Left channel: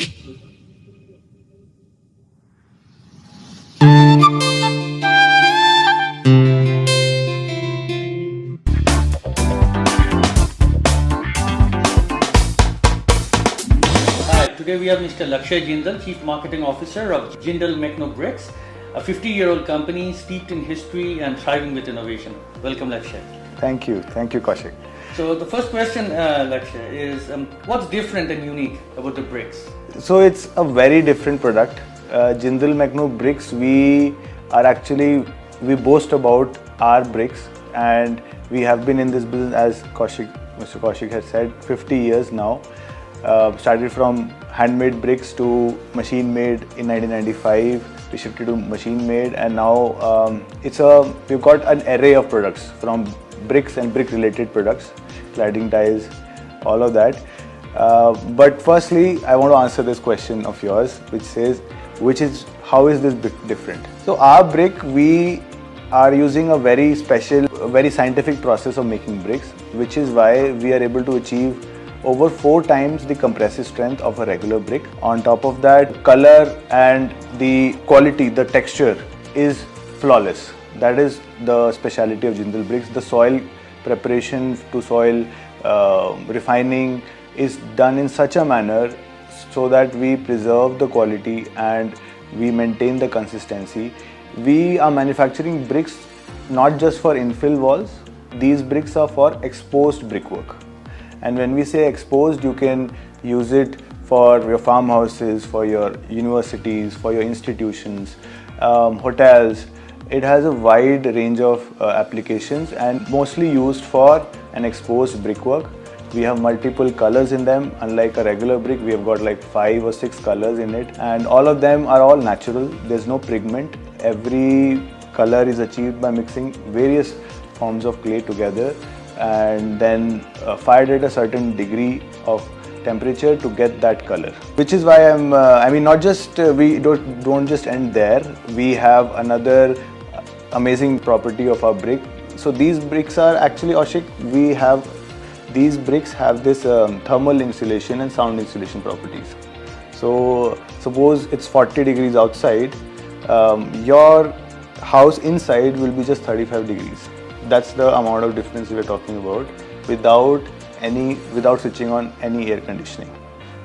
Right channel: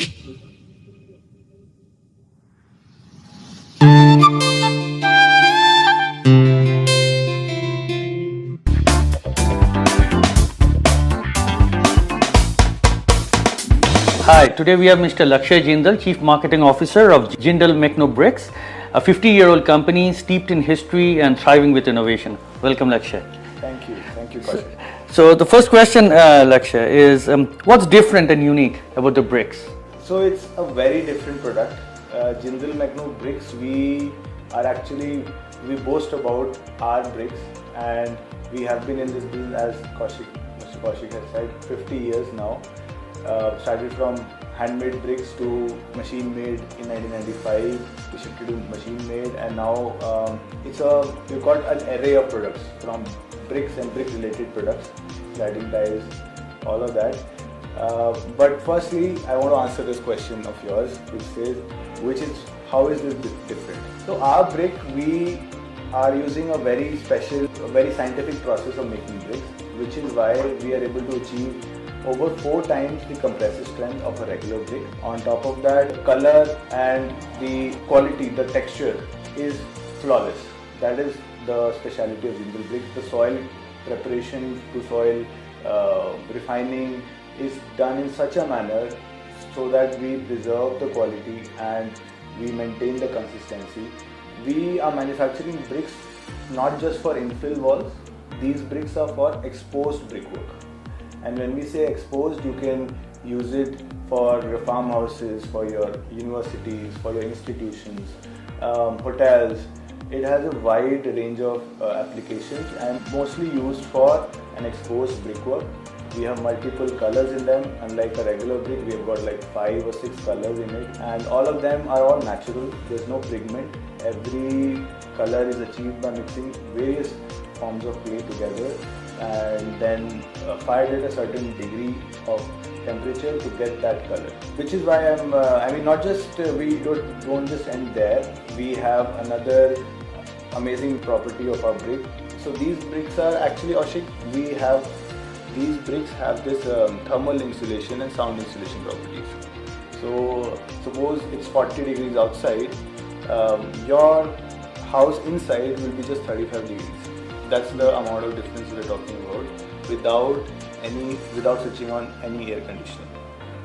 Hi, today we have Mr. Lakshay Jindal, Chief Marketing Officer of Jindal Mechno Bricks, a 50-year-old company steeped in history and thriving with innovation. Welcome, Lakshay. Thank you, Kaushik. So the first question, Lakshay, is what's different and unique about the bricks? So it's a very different product. Jindal Mechno Bricks, we boast about our bricks, and we have been in this business, as Mr. Kaushik has said, 50 years now. Started from handmade bricks to machine made in 1995. We shifted to machine made, and now we've got an array of products, from bricks and brick related products, cladding tiles, all of that. But firstly, I want to answer this question of yours, which is how is this brick different? So our brick, we are using a very special, very scientific process of making bricks, which is why we are able to achieve over 4 times the compressive strength of a regular brick. On top of that, color and the quality, the texture is flawless. That is the speciality of Jindal bricks. The soil preparation to soil refining is done in such a manner so that we preserve the quality and we maintain the consistency. We are manufacturing bricks not just for infill walls. These bricks are for exposed brickwork. And when we say exposed, you can use it for your farmhouses, for your universities, for your institutions, hotels. It has a wide range of applications and mostly used for an exposed brickwork. We have multiple colors in them. Unlike a regular brick, we have got like 5 or 6 colors in it, and all of them are all natural. There's no pigment. Every color is achieved by mixing various forms of clay together and then fired at a certain degree of temperature to get that color. Which is why we don't just end there. We have another amazing property of our brick. So these bricks are actually, these bricks have this thermal insulation and sound insulation properties. So suppose it's 40 degrees outside, your house inside will be just 35 degrees. That's the amount of difference we're talking about without switching on any air conditioning.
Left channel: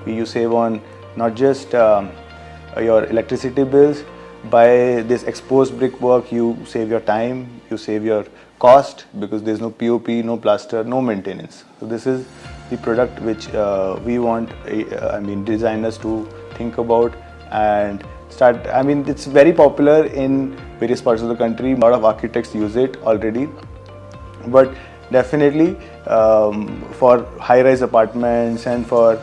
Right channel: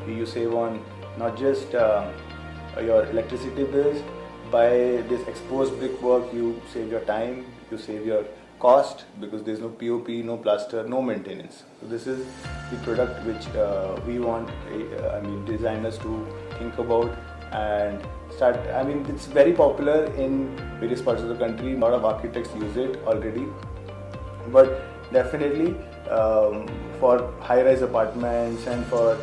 You save on not just your electricity bills. By this exposed brickwork, you save your time, you save your cost, because there's no POP, no plaster, no maintenance. So this is the product which we want designers to think about and start. It's very popular in various parts of the country. A lot of architects use it already. But definitely for high-rise apartments and for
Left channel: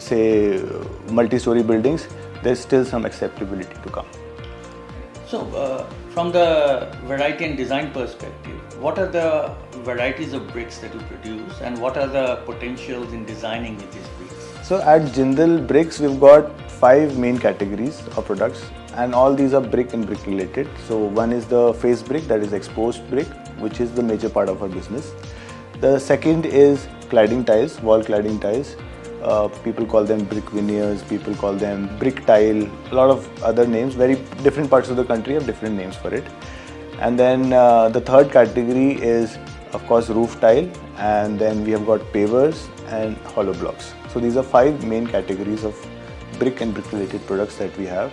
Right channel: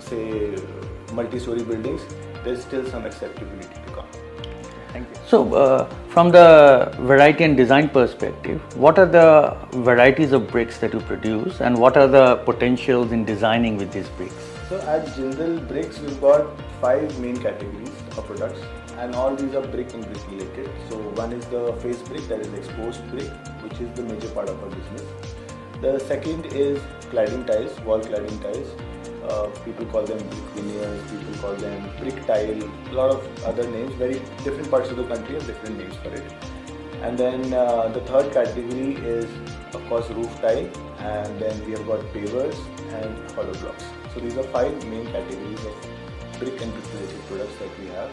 say multi-story buildings, there's still some acceptability to come. Thank you. So from the variety and design perspective, what are the varieties of bricks that you produce and what are the potentials in designing with these bricks? So at Jindal Bricks, we've got 5 main categories of products, and all these are brick and brick related. So one is the face brick, that is exposed brick, which is the major part of our business. The second is cladding tiles, wall cladding tiles. People call them brick veneers, people call them brick tile, a lot of other names. Very different parts of the country have different names for it. And then the third category is, of course, roof tile, and then we have got pavers and hollow blocks. So these are 5 main categories of brick and brick related products that we have.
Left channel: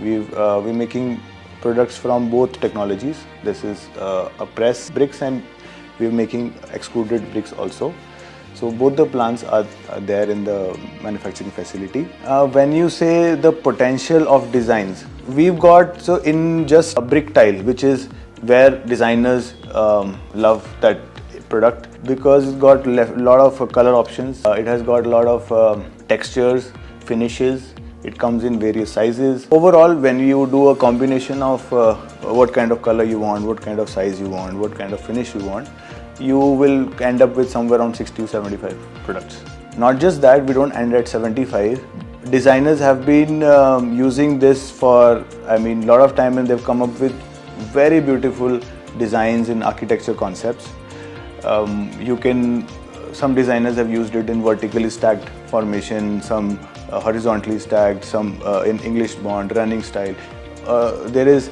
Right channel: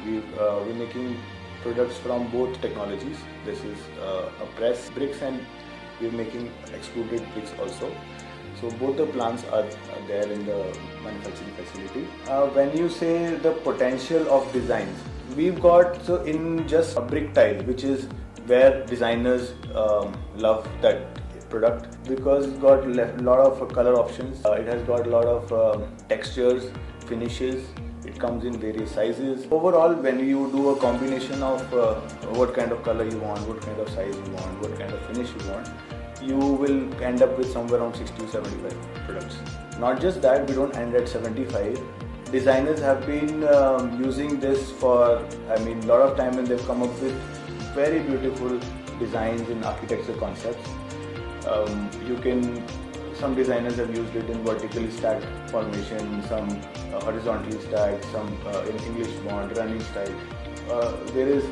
We're making products from both technologies. This is a press bricks, and we're making extruded bricks also. So both the plants are there in the manufacturing facility. When you say the potential of designs, we've got, so in just a brick tile, which is where designers love that product, because it's got a lot of color options. It has got a lot of textures, finishes. It comes in various sizes. Overall, when you do a combination of what kind of color you want, what kind of size you want, what kind of finish you want, you will end up with somewhere around 60 to 75 products. Not just that, we don't end at 75. Designers have been using this for, a lot of time, and they've come up with very beautiful designs in architecture concepts. You can some designers have used it in vertically stacked formation, some horizontally stacked, some in English bond, running style. There is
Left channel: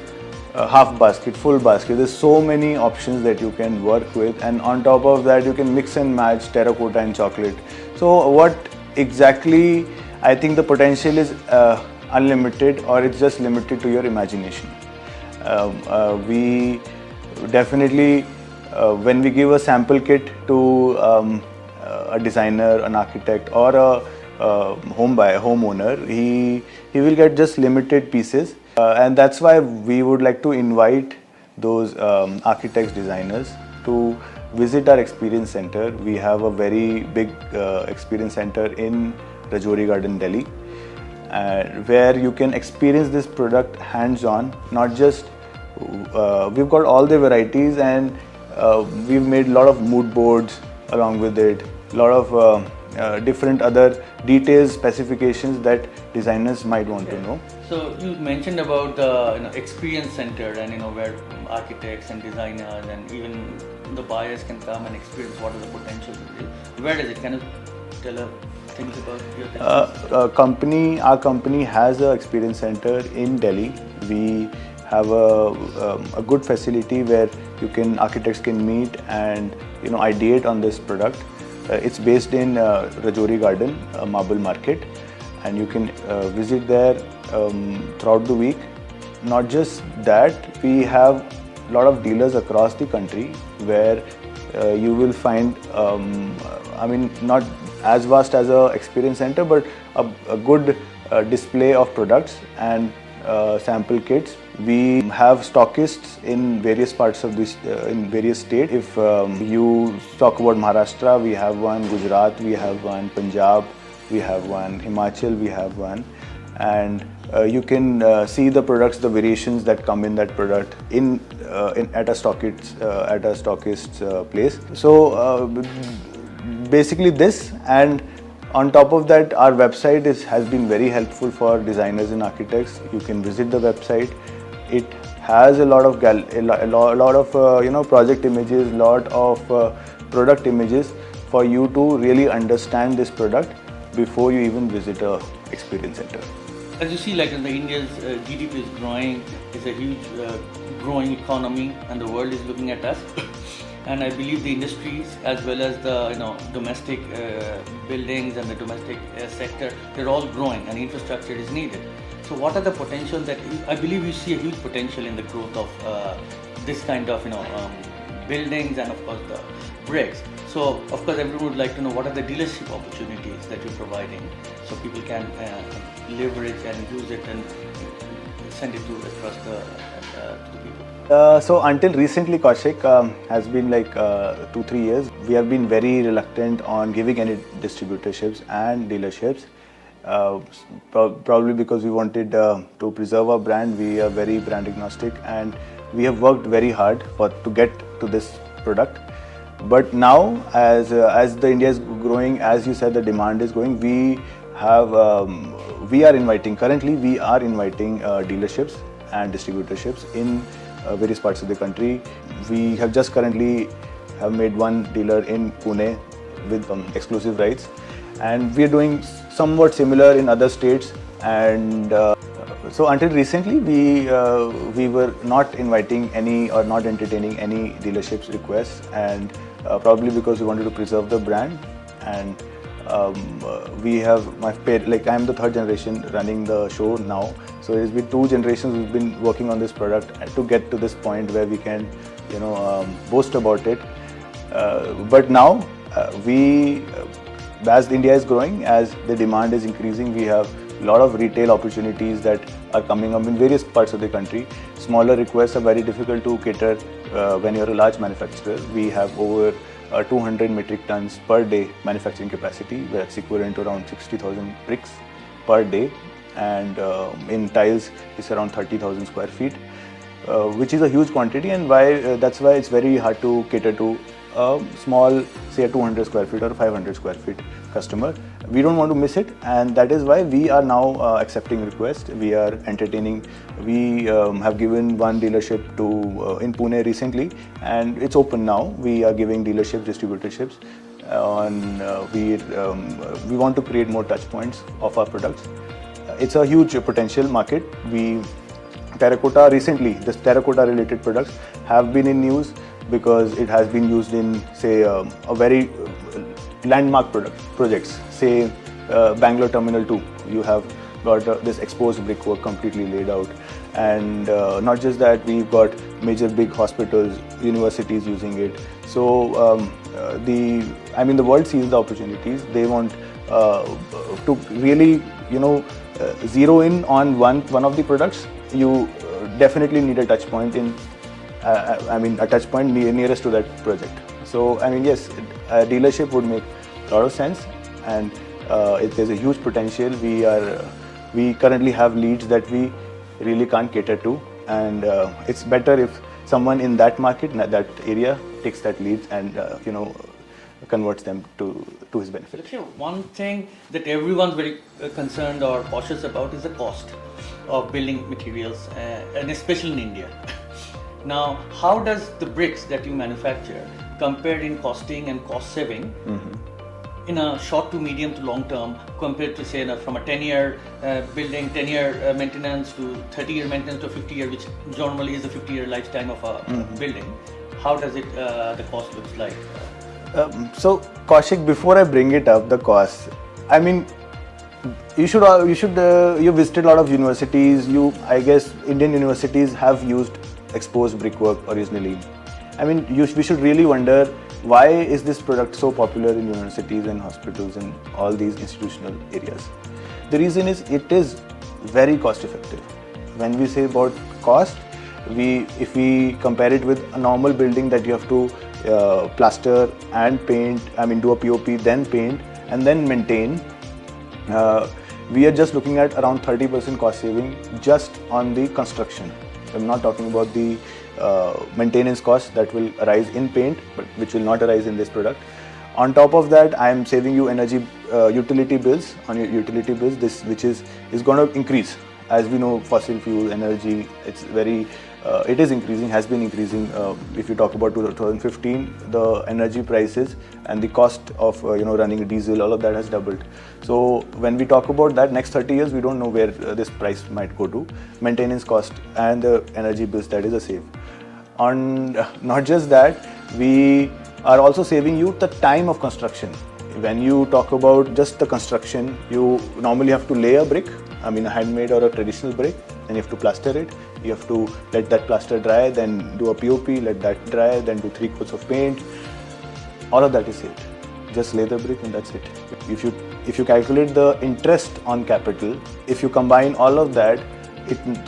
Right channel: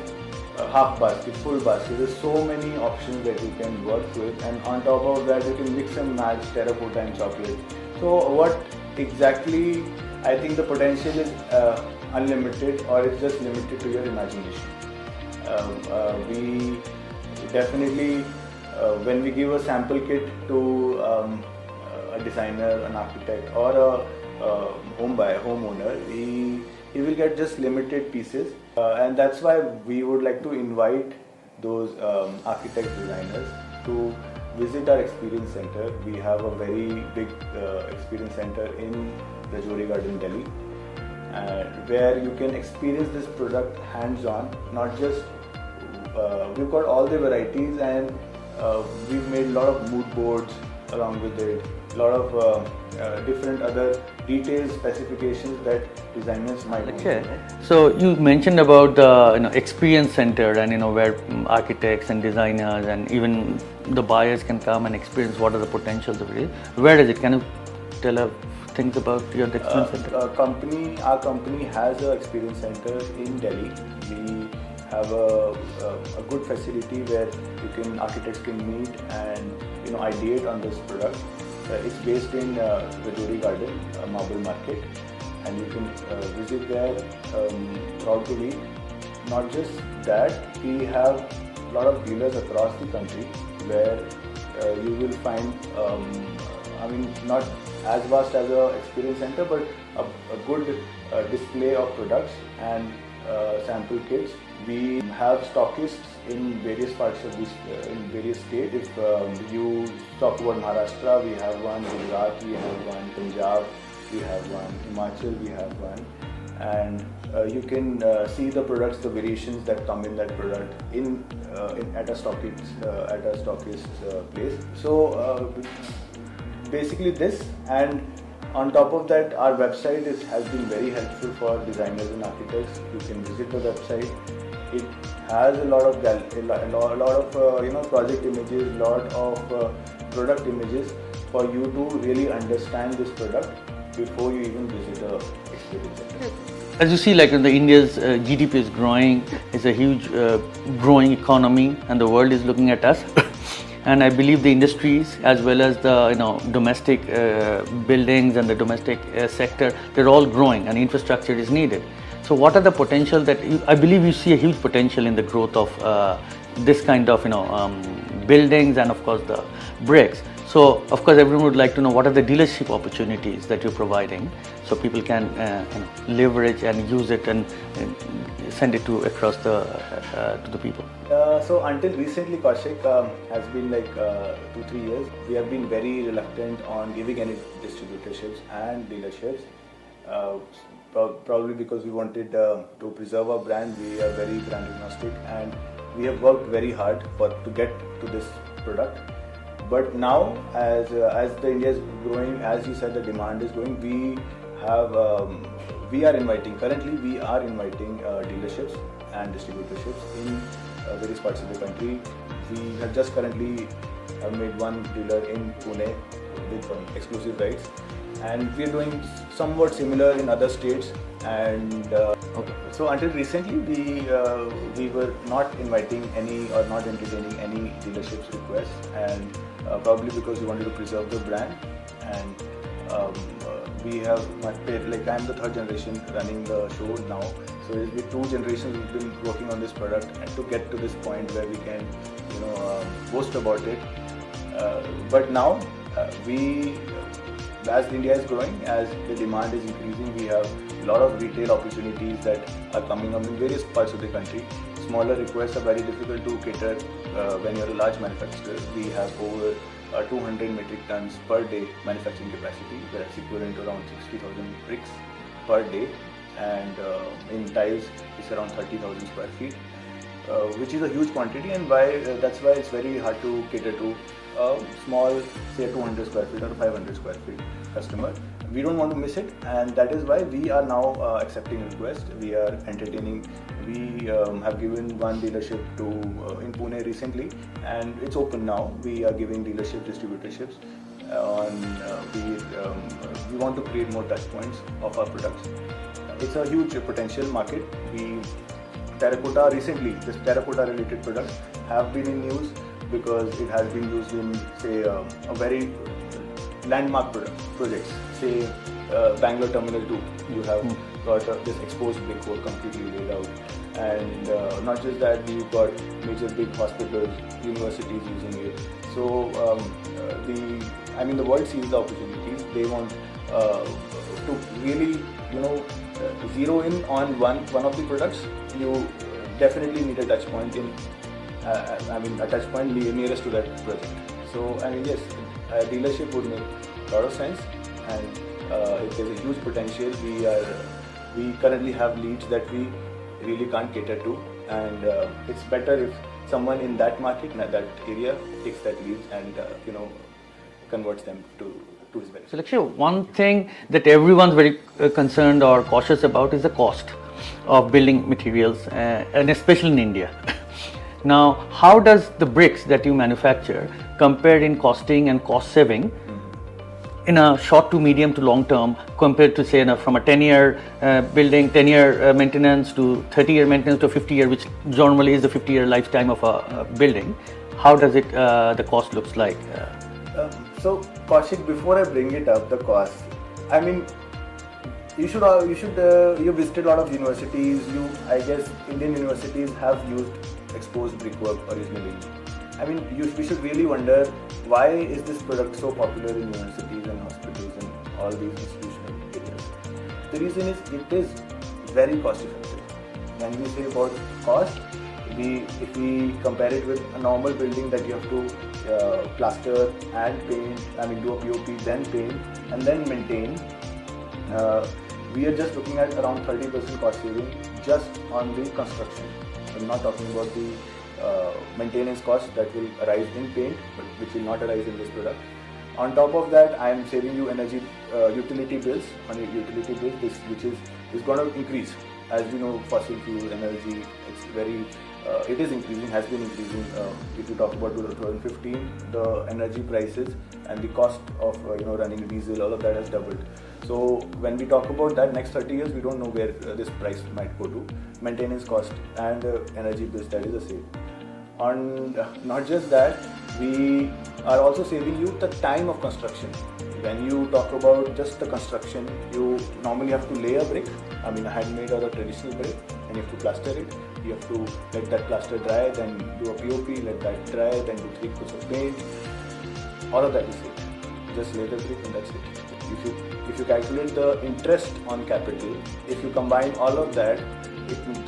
half basket, full basket. There's so many options that you can work with, and on top of that you can mix and match terracotta and chocolate. So what exactly, I think the potential is unlimited, or it's just limited to your imagination. We definitely, when we give a sample kit to a designer, an architect, or a homeowner, he will get just limited pieces, and that's why we would like to invite those architects, designers to visit our experience center. We have a very big experience center in Rajouri Garden, Delhi, where you can experience this product hands-on. Not just we've got all the varieties, and we've made a lot of mood boards along with it, a lot of different other details, specifications that designers might want to know. So you mentioned about the experience center, and where architects and designers and even the buyers can come and experience what are the potentials of it. Where is it? Can you tell us things about your experience center? Our company has an experience center in Delhi. We have a good facility where architects can meet and ideate on this product. It's based in Rajouri Garden, Marble Market, and you can visit there throughout the week. Not just that, we have a lot of dealers across the country where you will find, not as vast as a experience center, but a good display of products and sample kits. We have stockists in various parts of this, in various states. If you talk about Maharashtra, we have one, Gujarat, we have one, Punjab, we have one, Himachal, we have one, and you can see the products, the variations that come in that product at a stockist's place. So basically this, and on top of that, our website has been very helpful for designers and architects. You can visit the website. It has a lot of project images, lot of product images for you to really understand this product before you even visit a experience center. As you see, the India's GDP is growing. It's a huge growing economy, and the world is looking at us. And I believe the industries, as well as the domestic buildings and the domestic sector, they're all growing, and infrastructure is needed. So what are the potential that I believe you see a huge potential in the growth of this kind of buildings, and of course the bricks. So of course everyone would like to know what are the dealership opportunities that you're providing, so people can leverage and use it and send it across to the people. So until recently, Kaushik, has been 2-3 years, we have been very reluctant on giving any distributorships and dealerships. Probably because we wanted to preserve our brand. We are very brand agnostic, and we have worked very hard to get to this product. But now, as the India is growing, as you said, the demand is growing. We are inviting dealerships and distributorships in various parts of the country. We have just currently made one dealer in Pune with exclusive rights, and we are doing somewhat similar in other states. And so until recently, we were not inviting any or not entertaining any dealerships requests, and probably because we wanted to preserve the brand. And we have I'm the third generation running the show now, so it's been 2 generations we've been working on this product, and to get to this point where we can boast about it. But now as India is growing, as the demand is increasing, we have a lot of retail opportunities that are coming up in various parts of the country. Smaller requests are very difficult to cater when you're a large manufacturer. We have over 200 metric tons per day manufacturing capacity, where it's equivalent to around 60,000 bricks per day, and in tiles it's around 30,000 square feet, which is a huge quantity, and that's why it's very hard to cater to a small, say a 200 square feet or a 500 square feet customer. We don't want to miss it, and that is why we are now accepting requests. We are entertaining. We have given one dealership in Pune recently, and it's open now. We are giving dealerships, distributorships, We want to create more touch points of our products. It's a huge potential market. Terracotta recently, this terracotta related products have been in news because it has been used in, say, a very landmark projects. Say, Bangalore Terminal 2. You have got this exposed brickwork completely laid out, and not just that, we've got major big hospitals, universities using it. So the world sees the opportunities. They want to really, zero in on one of the products. You definitely need a touch point a touch point nearest to that project. So yes, a dealership would make a lot of sense, and there's a huge potential. We currently have leads that we really can't cater to, and it's better if someone in that market, that area, takes that lead and converts them to his benefit. So actually, one thing that everyone's very concerned or cautious about is the cost of building materials, and especially in India. Now, how does the bricks that you manufacture compare in costing and cost saving in a short to medium to long term compared to, say, from a 10-year building, 10-year maintenance to 30-year maintenance to 50-year, which normally is the 50-year lifetime of a building? How does it the cost looks like? So Kaushik, before I bring it up, the cost, you visited a lot of universities. I guess Indian universities have used exposed brickwork originally. We should really wonder, why is this product so popular in universities and hospitals and all these institutional areas? The reason is it is very cost effective. When we say about cost, if we compare it with a normal building that you have to plaster and paint, do a POP, then paint and then maintain, we are just looking at around 30% cost saving just on the construction. I'm not talking about the maintenance costs that will arise in paint, but which will not arise in this product. On top of that, I am saving you energy utility bills on your utility bills. Which is going to increase. As we know, fossil fuel energy, it is increasing, has been increasing. If you talk about 2015, the energy prices and the cost of running diesel, all of that has doubled. So when we talk about that next 30 years, we don't know where this price might go to. Maintenance cost and the energy bills, that is a save. And not just that, we are also saving you the time of construction. When you talk about just the construction, you normally have to lay a brick, a handmade or a traditional brick, and you have to plaster it. You have to let that plaster dry, then do a POP, let that dry, then do 3 coats of paint. All of that is it. Just lay the brick and that's it. If you calculate the interest on capital, if you combine all of that,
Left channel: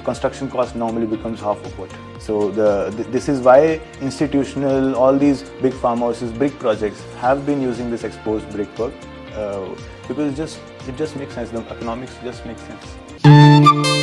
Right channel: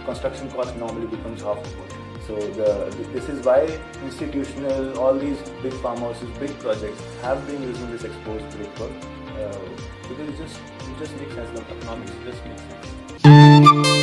construction cost normally becomes half of it. So this is why institutional, all these big farmhouses, big projects have been using this exposed brickwork, because it just makes sense. The economics just makes sense.